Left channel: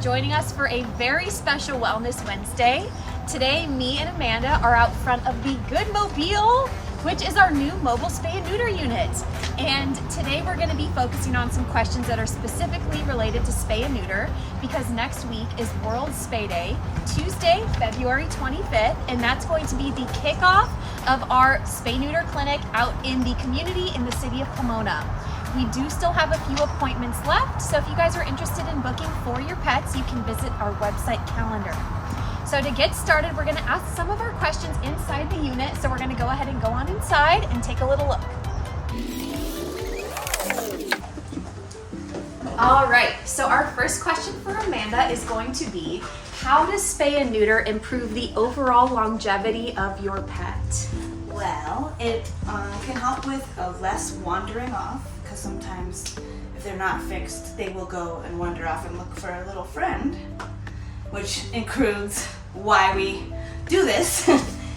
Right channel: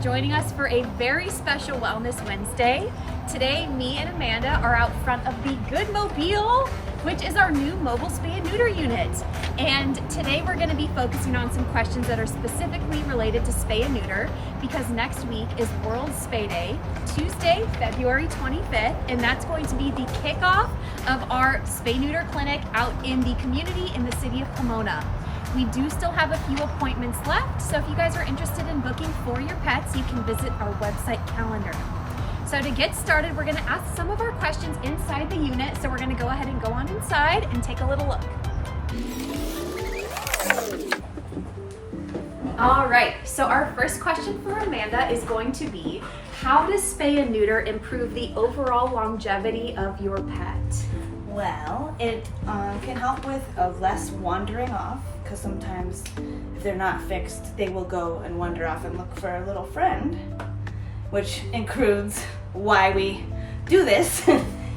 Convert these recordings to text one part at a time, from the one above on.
joining us for a very special Wellness Wednesday. Today, me and Amanda are out front of the Good Mobile, which is our new mobile spay neuter unit. And today we're going to be focusing on some questions that are specifically related to spay and neuter, because next week is World Spay Day, Tuesday, February 25th, and that's going to be the kickoff of our spay neuter clinic out in the community in the city of Pomona. We do still have a few appointments left, so if you guys are interested in booking for your pets, you can visit our website calendar. So to get started, we're going to ask some of our questions inside the unit, so we're going to go ahead and go on inside and take a little look. All right, so our first question for Amanda is going to be, how does spay and neuter improve the overall longevity of your pet? Well, it can help with less wandering off, because sometimes if they're not fixed, they will go and wander off and look for a little friend, which includes why we do this,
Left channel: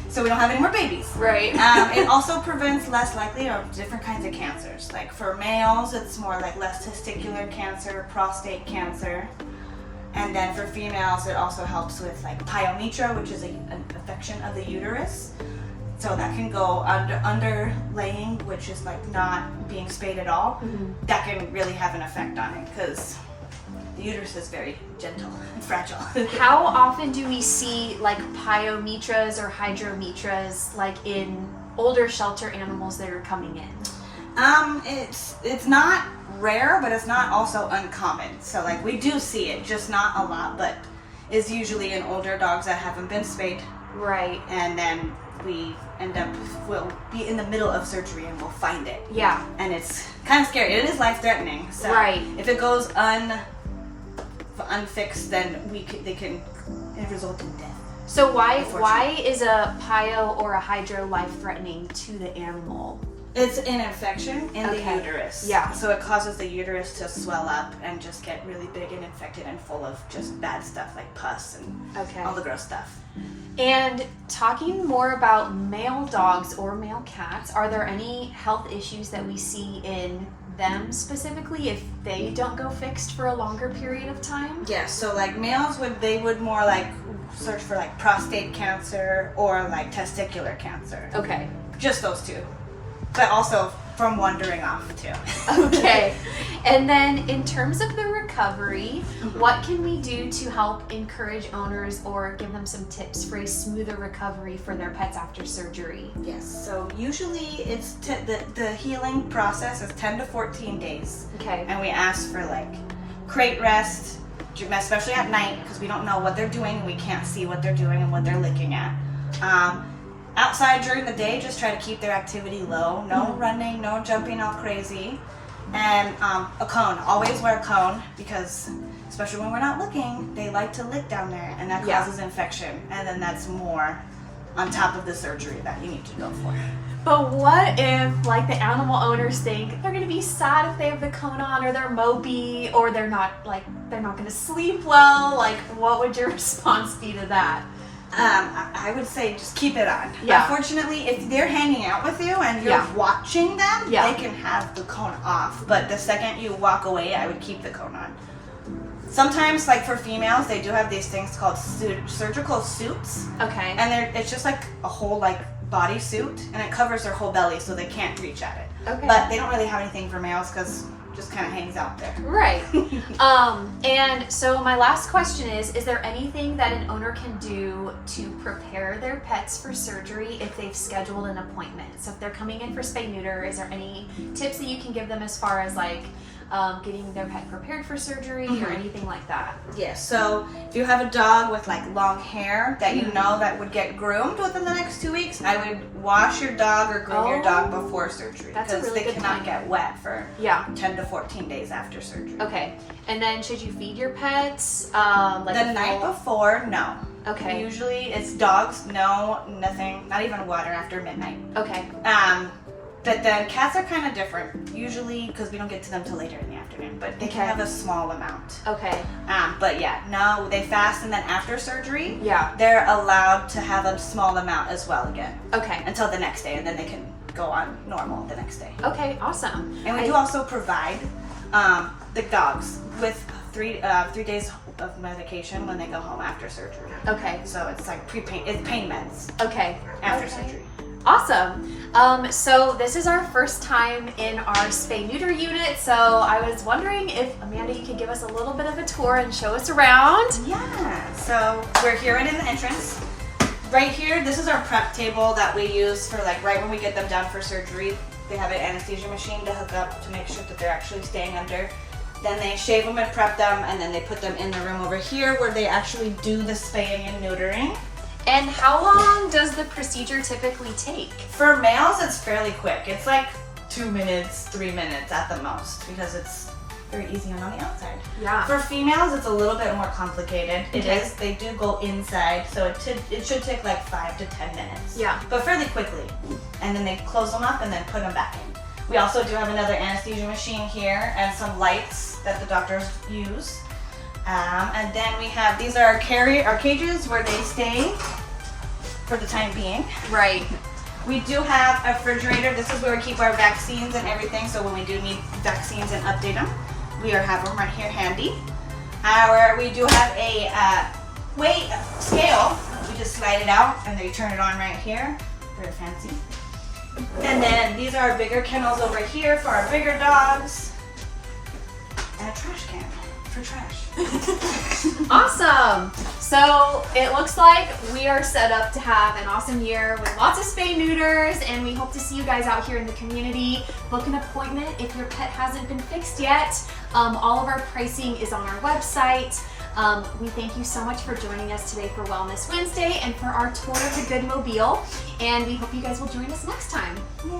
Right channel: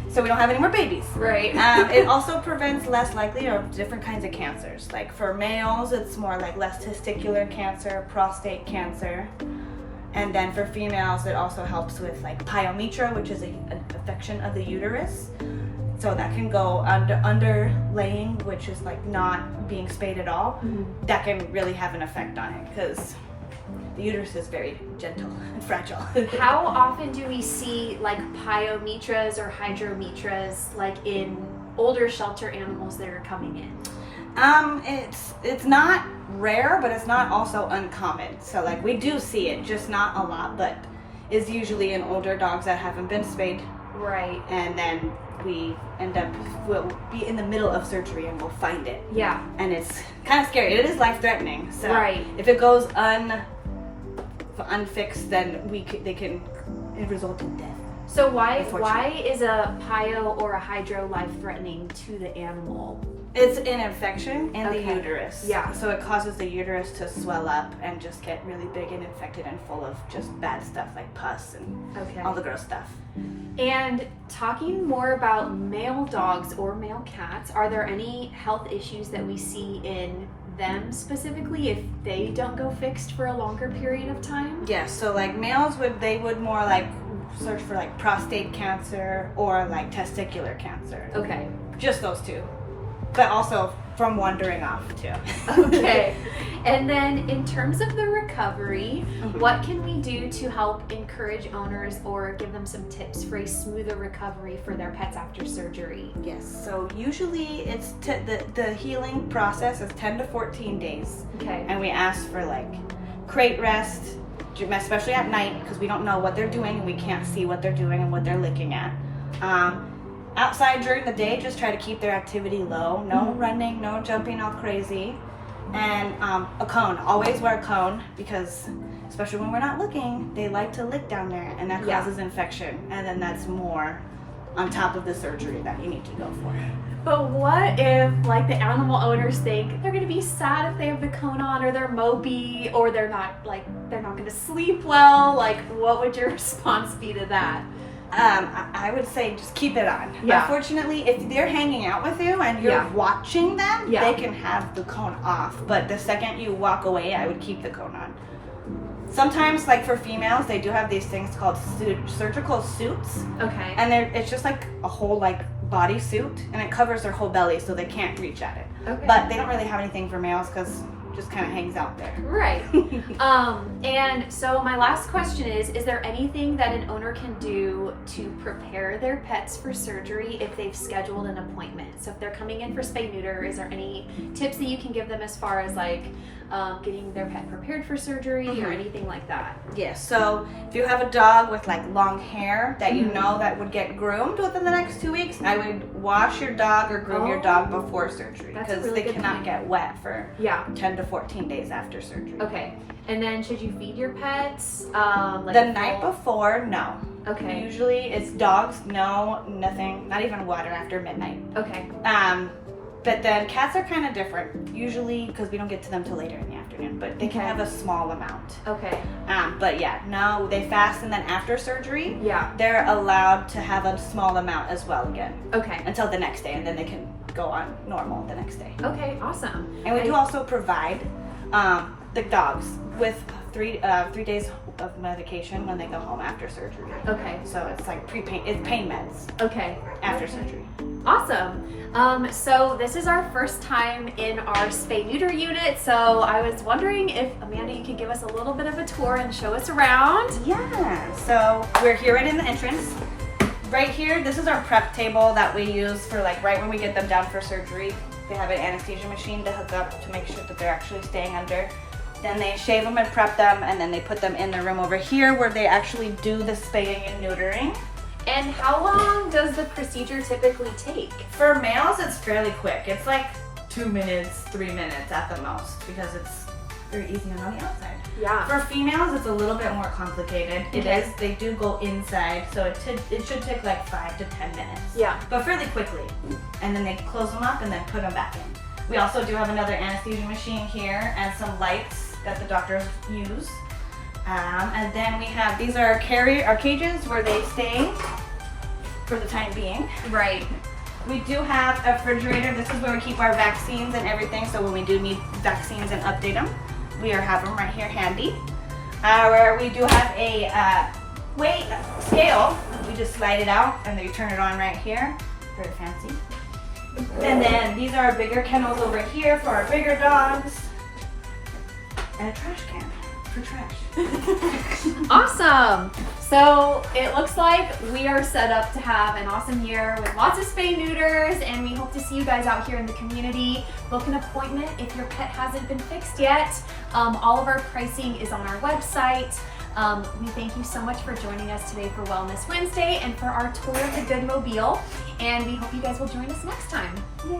so we don't have any more babies. Right. It also prevents less likely of different kinds of cancers. Like for males, it's more like less testicular cancer, prostate cancer. And then for females, it also helps with like pyometra, which is an infection of the uterus. So that can go underlaying, which is like not being spayed at all. Mm-hmm. That can really have an effect on it, because the uterus is very gentle and fragile. How often do we see like pyometras or hydrometras like in older shelter animals that are coming in? It's not rare, but it's not also uncommon. So like we do see it, just not a lot, but is usually in older dogs that haven't been spayed. Right. And then we'll be in the middle of surgery and we'll find it. Yeah. And it's kind of scary. It is life-threatening. So right. If it goes unfixed, then it can result in death. So why is a pyo or a hydro life-threatening to the animal? It's an infection in the uterus. Yeah. So it causes the uterus to swell up and just get really big and infected and full of just bad stuff like pus and all the gross stuff. And talking more about male dogs or male cats, are there any health issues that we see in them specifically if they don't go fixed for a longer period of time? Yeah, so like males would more like search for like prostate cancer or like testicular cancer. Okay. Just those two. But also from wandering off too. Okay. And then in terms of the recovery, what can we do to help encourage owners or give them some tips for a smoother recovery for their pets after surgery? Yes, so usually it's the healing process is 10 to 14 days. Okay. And we ask for like crate rest, especially at night, because we don't know what they're doing and we can't see what they're doing and what they're looking at. Outside during the day, just try to keep their activity low. No running, no jumping all crazy. And a cone. Always wear a cone, because especially when we're not looking, they like to lick down there, and that causes infection. And then that's more on top of the surgery that you need to go for. But what if like the animal owners think they're going to be sad if they have the cone on, or they're mopey, or they're not going to sleep well? Like, what would your response be to that? I would say just keep it on. Yeah. Unfortunately, if they're hanging out with you and you're watching them, they can have the cone off. But the second you walk away, I would keep the cone on. Sometimes, like for females, they do have these things called surgical suits. Okay. And it's just like a whole like body suit, and it covers their whole belly so they can't reach at it. Okay. But they don't really have anything for males because just kind of hangs out there. Right. And so my last question is there anything that an owner can do to prepare their pets for surgery if they've scheduled an appointment? So if they're coming in for spay neuter, is there any tips that you can give them as far as like getting their pet prepared for surgery or anything like that? Yes, so if you have a dog with like long hair that you know that would get groomed within the next 2 weeks, I would wash your dog or groom your dog before surgery, because really they cannot get wet for 10 to 14 days after surgery. Okay. And then should you feed your pets the night before? No. Okay. Usually it's dogs, no, nothing, not even water after midnight. Okay. But then cats are kind of different, usually because we don't get to them till later in the afternoon, but they can have a small amount. Okay. But yeah, no, they fast, and then after surgery, Yeah. they're allowed to have a small amount as well again. Okay. Until the next day, and then they can go on normal the next day. Okay, awesome. And we do also provide the dogs with 3 days of medication when they go home after surgery. Okay. So it's like it's pain meds Okay. after surgery. Awesome. So this is our first time in our spay neuter unit. So I was wondering if Amanda, you could give us a little bit of a tour and show us around. Yeah. So we're here right in the entrance. Right here, this is our prep table that we use for like right when we get them down for surgery. They have an anesthesia machine to hook up to make sure that they're actually staying under. Then they shave them and prep them, and then they put them in the room over here where they actually do the spaying and neutering. And how long does the procedure typically take? For males, it's fairly quick. It's like 2 minutes, 3 minutes at the most because it's very easy on the outside. Yeah. For females, it's a little bit more complicated. It is. They do go inside, so it should take like 5 to 10 minutes. Yeah. But fairly quickly. And then they close them up and then put them back in. We also do have another anesthesia machine here and some lights that the doctors use. And then we have, these are our cages where they stay for the time being. Right. We do have a refrigerator. This is where we keep our vaccines and everything. So when we do need vaccines and update them, we have them right here handy. We do have a weight scale. We just slide it out and then you turn it on right here. Very fancy. And then these are our bigger kennels over here for our bigger dogs. And a trash can for trash. Awesome. So it looks like we are set up to have an awesome year with lots of spay neuters, and we hope to see you guys out here in the community. Book an appointment if your pet hasn't been fixed yet. All of our pricing is on our website. We thank you so much for joining us today for Wellness Wednesday and for our tour of the Good Mobile, and we hope you guys will join us next time. Yay.